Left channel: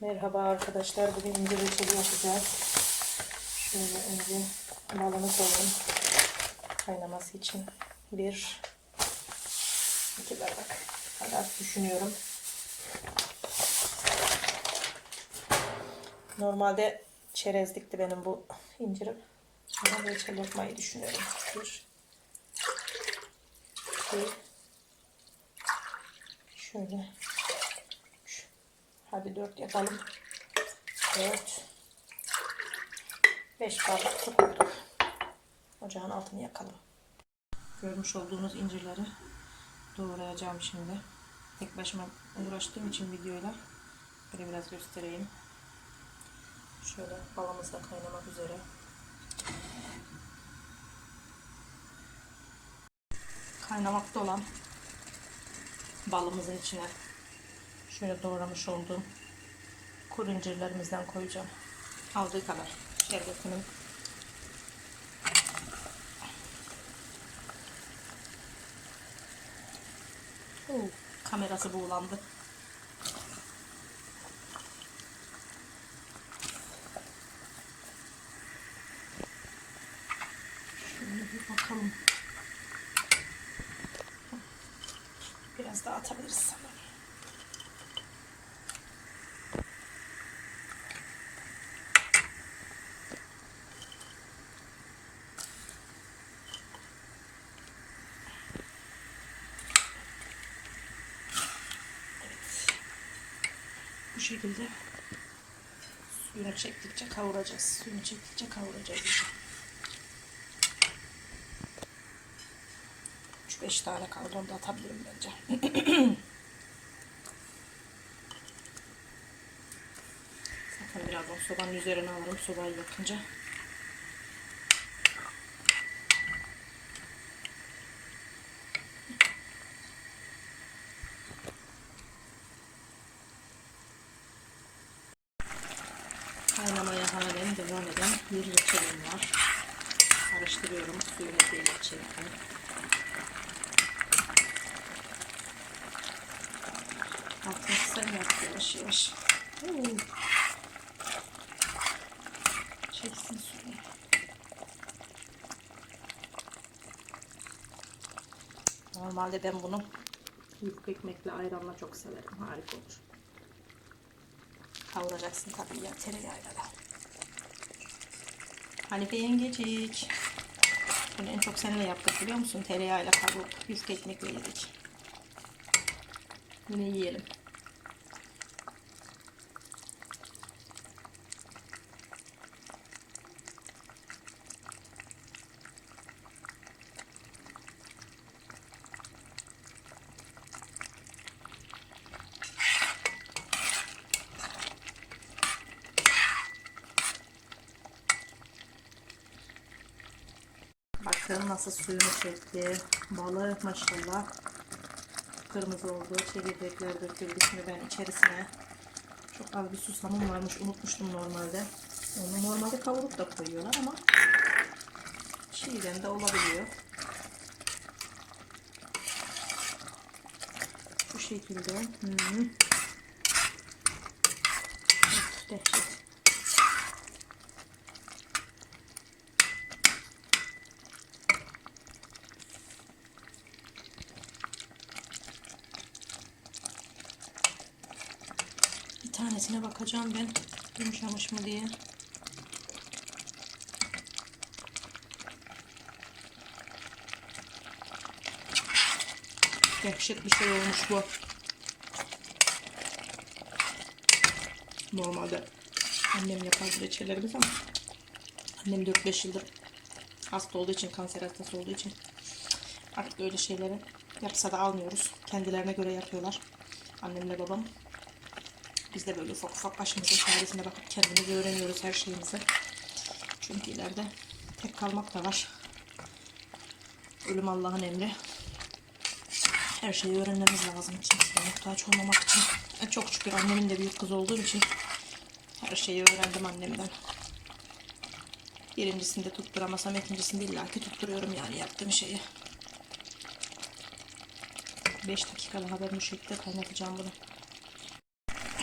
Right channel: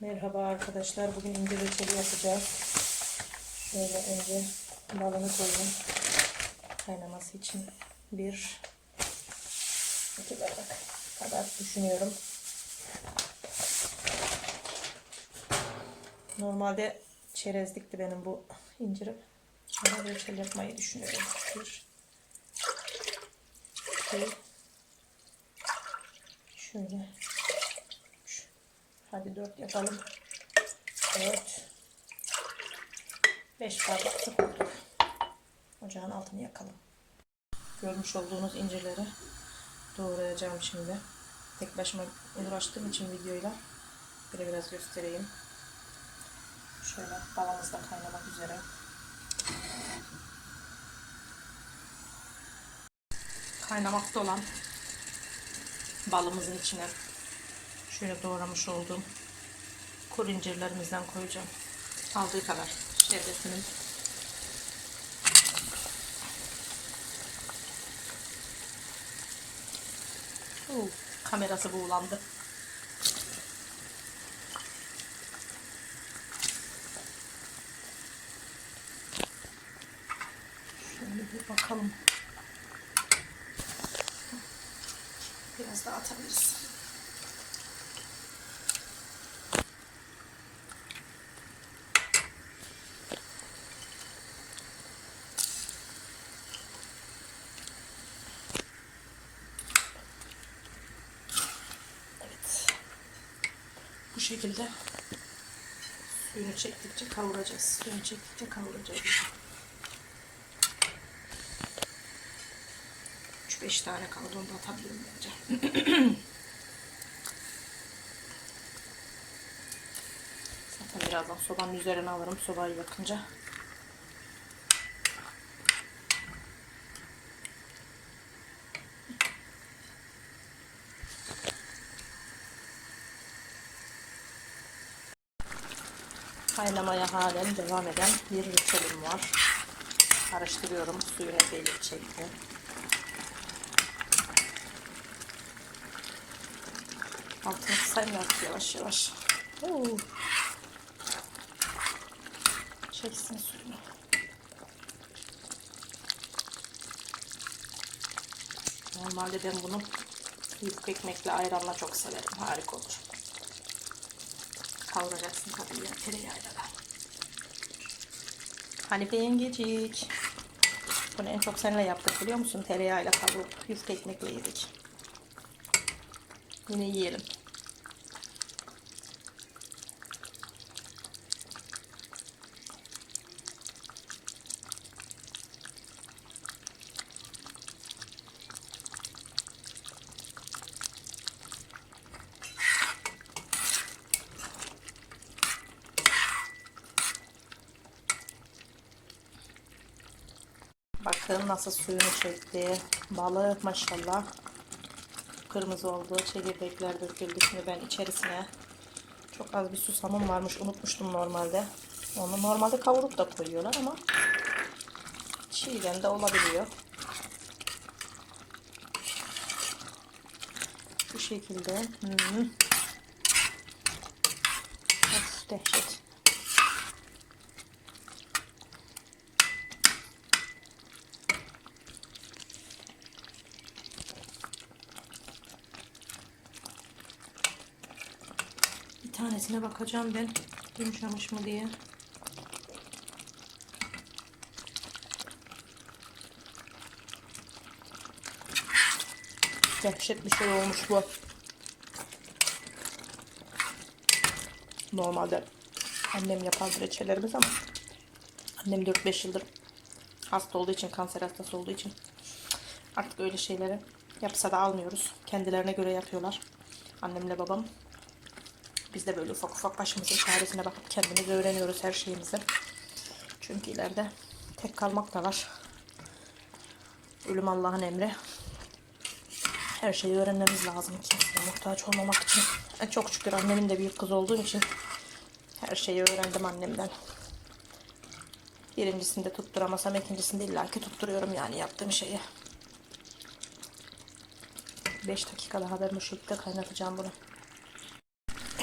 Merhaba arkadaşlar. Bugün incir reçeli yapacağız. Şöyle önce balını koyayım. Kaynaması için. Bir, iki bardak kadar düşünüyorum. Normalde çerezlikti benim bu incirim. Ama reçel yapmayı düşünüyorum. Bir, iki, şöyle. Hadi dört yapalım. Dört. Beş bardak su. Ocağın altını yakalım. Görmüş olduğunuz incirleri doğrayacağım şimdi. Tek başıma uğraştığım için videoyla böyle biraz göstereyim. Şöyle balamız da kaynamak üzere. Kaynamakta olan balımızın içine şöyle doğramış olduğum kuru incirlerimizden koyacağım. Aldığı kadar şerbetinin Oo, kamerası buğulandı. Şöyle bir bakalım. Biraz daha atabiliriz. Bu şekilde suyunu çektikçe kavuracağız. Suyunu çektikçe kavuracağız. 3-5 tane kaldı. Onu da atabilirim bence. Zaten birazdan sobanın üzerine alırım. Sobayı yakınca. Kaynamaya halen devam eden bir reçelim var. Karıştırıyorum. Suyunu belli çekti. Altını yap yavaş yavaş. Oo. Çeksin suyunu. Normalde ben bunu yufka ekmekle ayranla çok severim. Harika olur. Kavuracaksın tabii ya tereyağıyla da. Hanife yengecik. Bunu en çok seninle yaptık biliyor musun? Tereyağıyla kavurup yufka ekmekle yedik. Yine yiyelim. Bakın nasıl suyunu çekti. Balığı maşallah kırmızı oldu. Çekirdekler döküldü. Şimdi ben içerisine çok az bir susamım varmış. Unutmuştum normalde. Onu normalde kavurup da koyuyorlar ama çiğden de olabiliyor. Bu şekilde. Hmm. Of, dehşet. Tanesine bakacağım ben. Yumuşamış mı diye. Dehşet bir şey olmuş bu. Normalde annem yapardı reçellerimiz ama annem 4-5 yıldır hasta olduğu için, kanser hastası olduğu için artık öyle şeyleri yapsa da almıyoruz. Kendilerine göre yapıyorlar. Annemle babam. Biz de böyle ufak ufak başımızın çaresine bakıp kendimiz öğreniyoruz her şeyimizi. Çünkü ileride tek kalmak da var. Ölüm Allah'ın emri. Her şeyi öğrenmemiz lazım kimseye muhtaç olmamak için. E, çok şükür annemin de büyük kız olduğum için her şeyi öğrendim annemden. Birincisinde tutturamasam ikincisinde illaki tutturuyorum yani yaptığım şeyi. 5 dakika daha ben bu şekilde kaynatacağım bunu.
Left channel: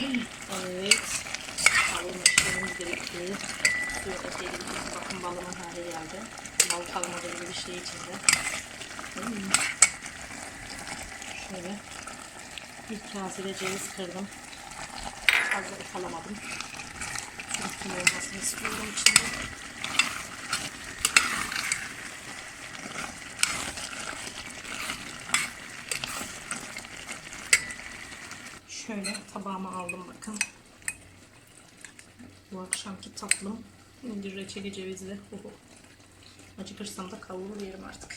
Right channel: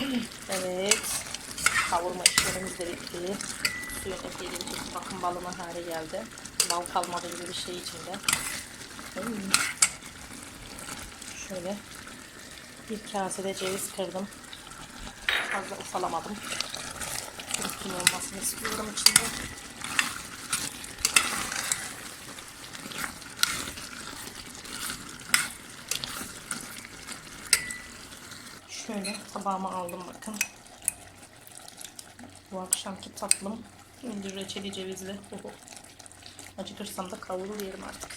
Evet. Kavurma işlemimiz de bitti. Suyun ekleyelim. Bakın balının hali geldi. Bal kalmadı gibi bir şey içinde. Şöyle bir kasede ceviz kırdım. Fazla ufalamadım. Üstüm olmasını istiyorum içinde. Şöyle tabağıma aldım bakın. Bu akşamki tatlım indir reçeli cevizli. Oho. Acıkırsam da kavurur yerim artık.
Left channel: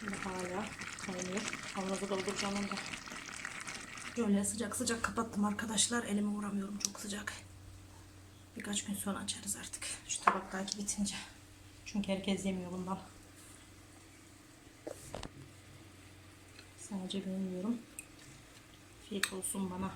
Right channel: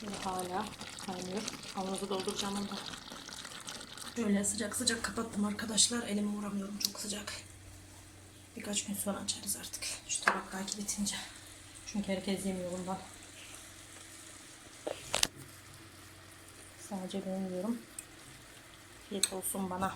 Şimdi hala kaynıyor. Kavanozu dolduracağım onu da. Böyle sıcak sıcak kapattım arkadaşlar. Elime vuramıyorum çok sıcak. Birkaç gün sonra açarız artık. Şu tabaktaki bitince. Çünkü herkes yemiyor bundan. Sadece ben yiyorum. Afiyet olsun bana.